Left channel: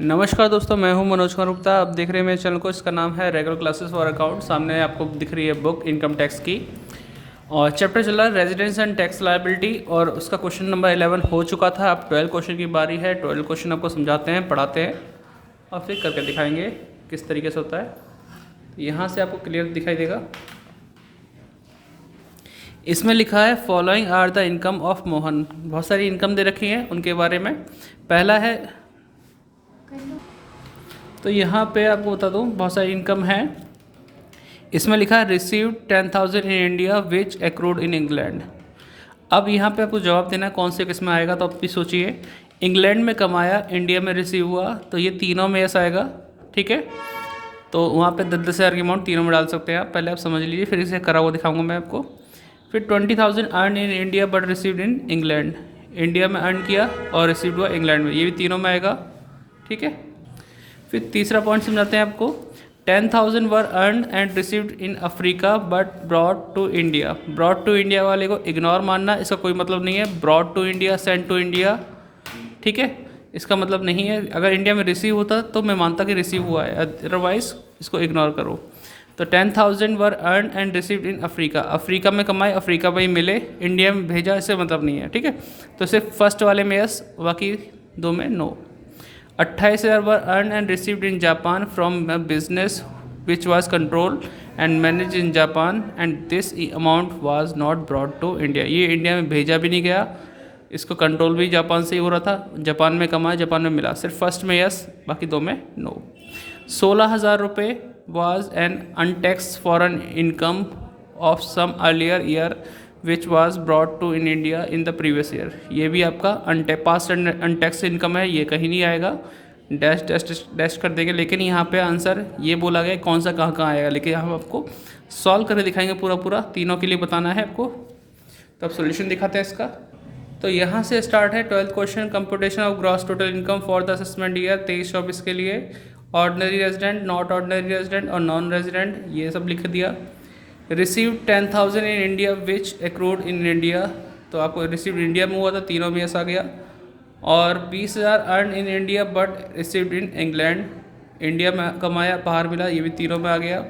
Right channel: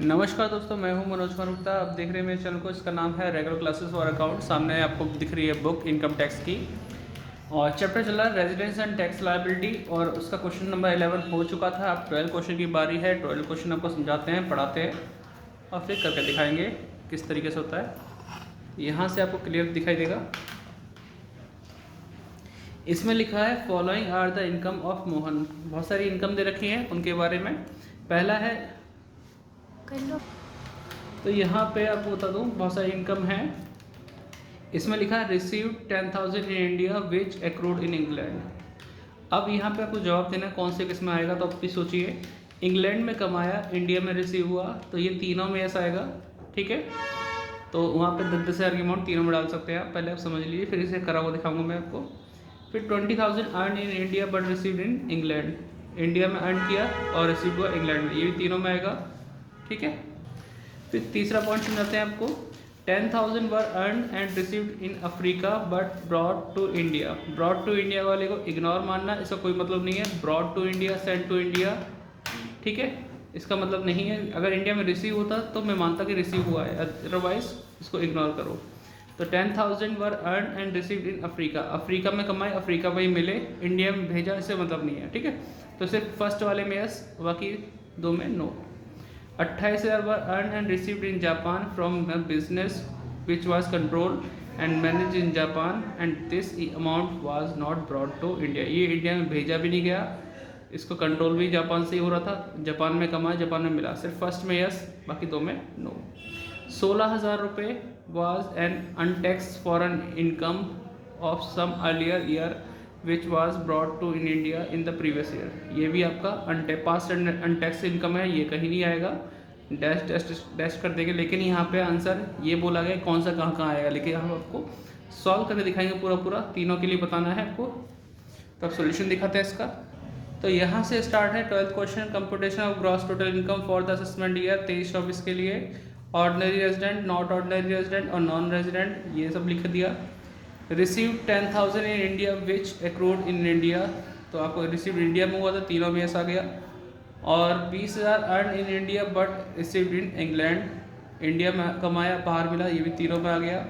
नमस्कार दोस्तों, मैं हूं मनोज कुमार गुप्ता। आप देख रहे हैं मेरे चैनल को। इसका नाम है रेगुलर क्लासेस फॉर अकाउंट। सामने आपको दिख रही है बुक इनकम टैक्स की, और चैप्टर चल रहा है रेजिडेंस एंड टैक्स लायबिलिटी, और उसका क्वेश्चन नंबर 11 हो चुका था। अब 12 क्वेश्चन की बारी है। 12 क्वेश्चन आपको समझाते हैं, पढ़ाते हैं और फिर करके दिखाएंगे किस तरीके से होता है। यहाँ से आपको क्लियर दिखाई देगा। इसमें लिखा है following are the income of Mohan. बहुत सारी इनकम दे रखी हैं, उनके बारे में पहला है, तो यहाँ पे आपको बता दूँ बहुत सारी इनकम है। इसमें लिखा है received 10,000 in India which accrued in England. अब यहाँ पे आपको जवाब देना है कौन से किस में आएगा। तो आप भी सोचिए, इंग्लैंड में कमाया, इंडिया में रिसीव हुआ, तो ये तीनों में ऐसा आएगा। ठीक है, तो वहाँ पे 10,000 की अमाउंट तीनों में डाल सकते हैं आप। पहले आप समझ लीजिए, फिर इसे करा हुआ दिखाऊंगा मैं आपको। फिर 20,000 earn in India but received in England. India में अर्न किया और रिसीव हुआ इंग्लैंड में, ये भी तीनों में आएगा। ठीक है, फिर तीसरा पॉइंट समझाते हैं आपको। 10,000 were earn and received in Africa but brought to India. Brought to India वाले को इग्नोर मानना, इसका कोई मतलब नहीं है। Brought to India, send to India, ठीक है, इसका मतलब नहीं है। अगर इंडिया में रिसीव होता तो मैं मानता कि रिसीव हुआ है, अदरवाइज इसको इग्नोर करो। तो 10,000 were earn and received in Africa. Africa में कमाए, अफ्रीका में ही मिले, इंडिया में भेजा, इससे मतलब नहीं है। ठीक है, तो सिर्फ फर्स्ट वाले में यस, बाकी दो में no. 28,000 were earn and received in Japan from business which was control and manage in Japan and this amount was not brought to India. ये इंडिया में भेजा भी नहीं गया, इसको कंट्रोल भी जापान से ही हो रहा था। जापान में कमाया, जापान में मिला। सिर्फ फर्स्ट में यस, बाकी दो में नो। 16,000 रुपये was an untaxed foreign income of some earlier year which was brought to in India in the previous year. ये भी आपका पास्ट अनटैक्स इनकम है, ये कहीं नहीं आएगा, डैश डैश डैश कर देंगे। लेकिन यहाँ पे आंसर ये बोला गया कौन सा कहाँ आएगा, लेकिन हम आपको सॉल्व करके दिखाएंगे पूरा पूरा, तीनों के लिए बताना है आपको। तो अब सोल्यूशन दिखाते हैं इसका। तो यहाँ से स्टार्ट है 12th question, computation of gross total income for the assessment year 23-24 के लिए। Ordinary resident, not ordinary resident और नॉन रेजिडेंट, ये सब लिख दिया। Receive 10,000 in India which accrued in India, तो आपको रिसीव इंडिया में हुआ था, तीनों में ऐसा आ गया। और 20,000 earn in India but received in England, India में कमाया, बाहर मिला, ये भी तीनों में आ गया।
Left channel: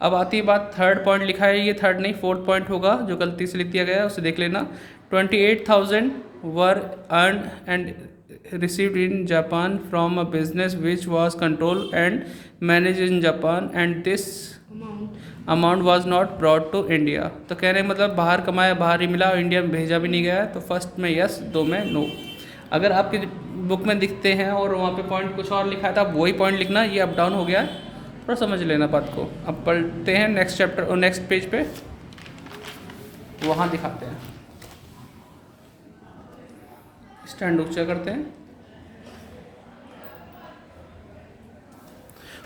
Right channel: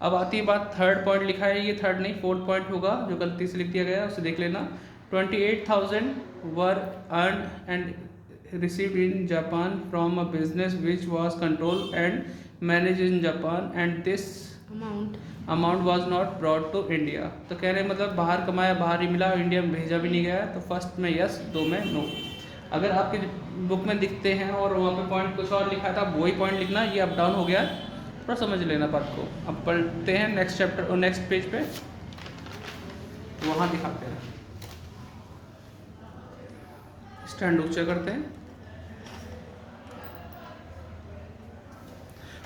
अब आती है बात, थर्ड पॉइंट लिखा है, ये थर्ड नहीं फोर्थ पॉइंट होगा, जो गलती से लिख दिया गया है उसे देख लेना। 28,000 were earn and received in Japan from a business which was controlled and managed in Japan and this amount was not brought to India। तो कह रहे हैं मतलब बाहर कमाया, बाहर ही मिला और इंडिया में भेजा भी नहीं गया। तो फर्स्ट में यस, दो में नो। अगर आपकी बुक में दिखते हैं और वहाँ पे पॉइंट कुछ और लिखा था, वही पॉइंट लिखना। ये अप डाउन हो गया, थोड़ा समझ लेना बात को। अब पढ़ते हैं नेक्स्ट चैप्टर और नेक्स्ट पेज पे, वहाँ दिखाते हैं। स्टैंड ऊंचा करते हैं।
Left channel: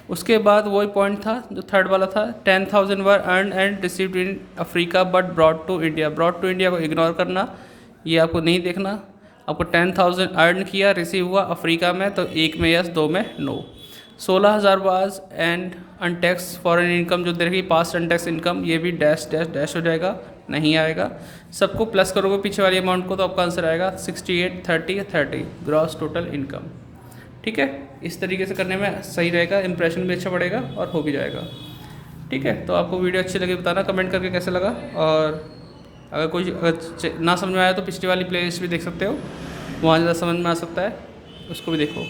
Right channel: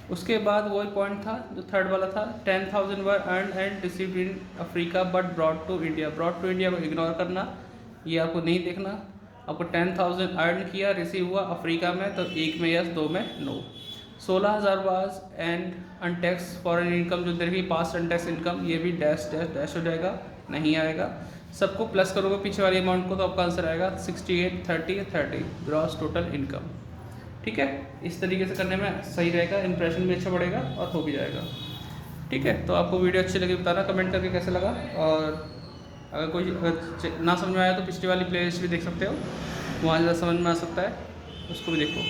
उसके बाद वही पॉइंट था जो थर्ड वाला था, 10,000 were earn and received in Africa but brought to India. Brought to India को इग्नोर करना, ये आपको नहीं देखना। आपको 10,000 अर्न किया, रिसीव हुआ अफ्रीका में, तो एक में यस, दो में no. 16,000 was and untaxed foreign income, जो देखिए पास्ट अनटैक्स इनकम, ये भी डैश डैश डैश हो जाएगा, नहीं आएगा। सबको प्लस करोगे पीछे वाले अमाउंट को, तो आपका आंसर आएगा 68, 30, 30 ग्रॉस टोटल इनकम। ठीक है, इस तरीके से करने में सही रहेगा, इंप्रेशन भी अच्छा बढ़ेगा और हो भी जाएगा। ठीक है, तो आपको वीडियो अच्छी लगी बताना कमेंट करके कैसे लगा। और अगर कोई ना समझ में आया तो पिछली वाली प्लेलिस्ट भी देख सकते हो, वहाँ ज़्यादा समझ में आ सकता है, उसको भी देखो।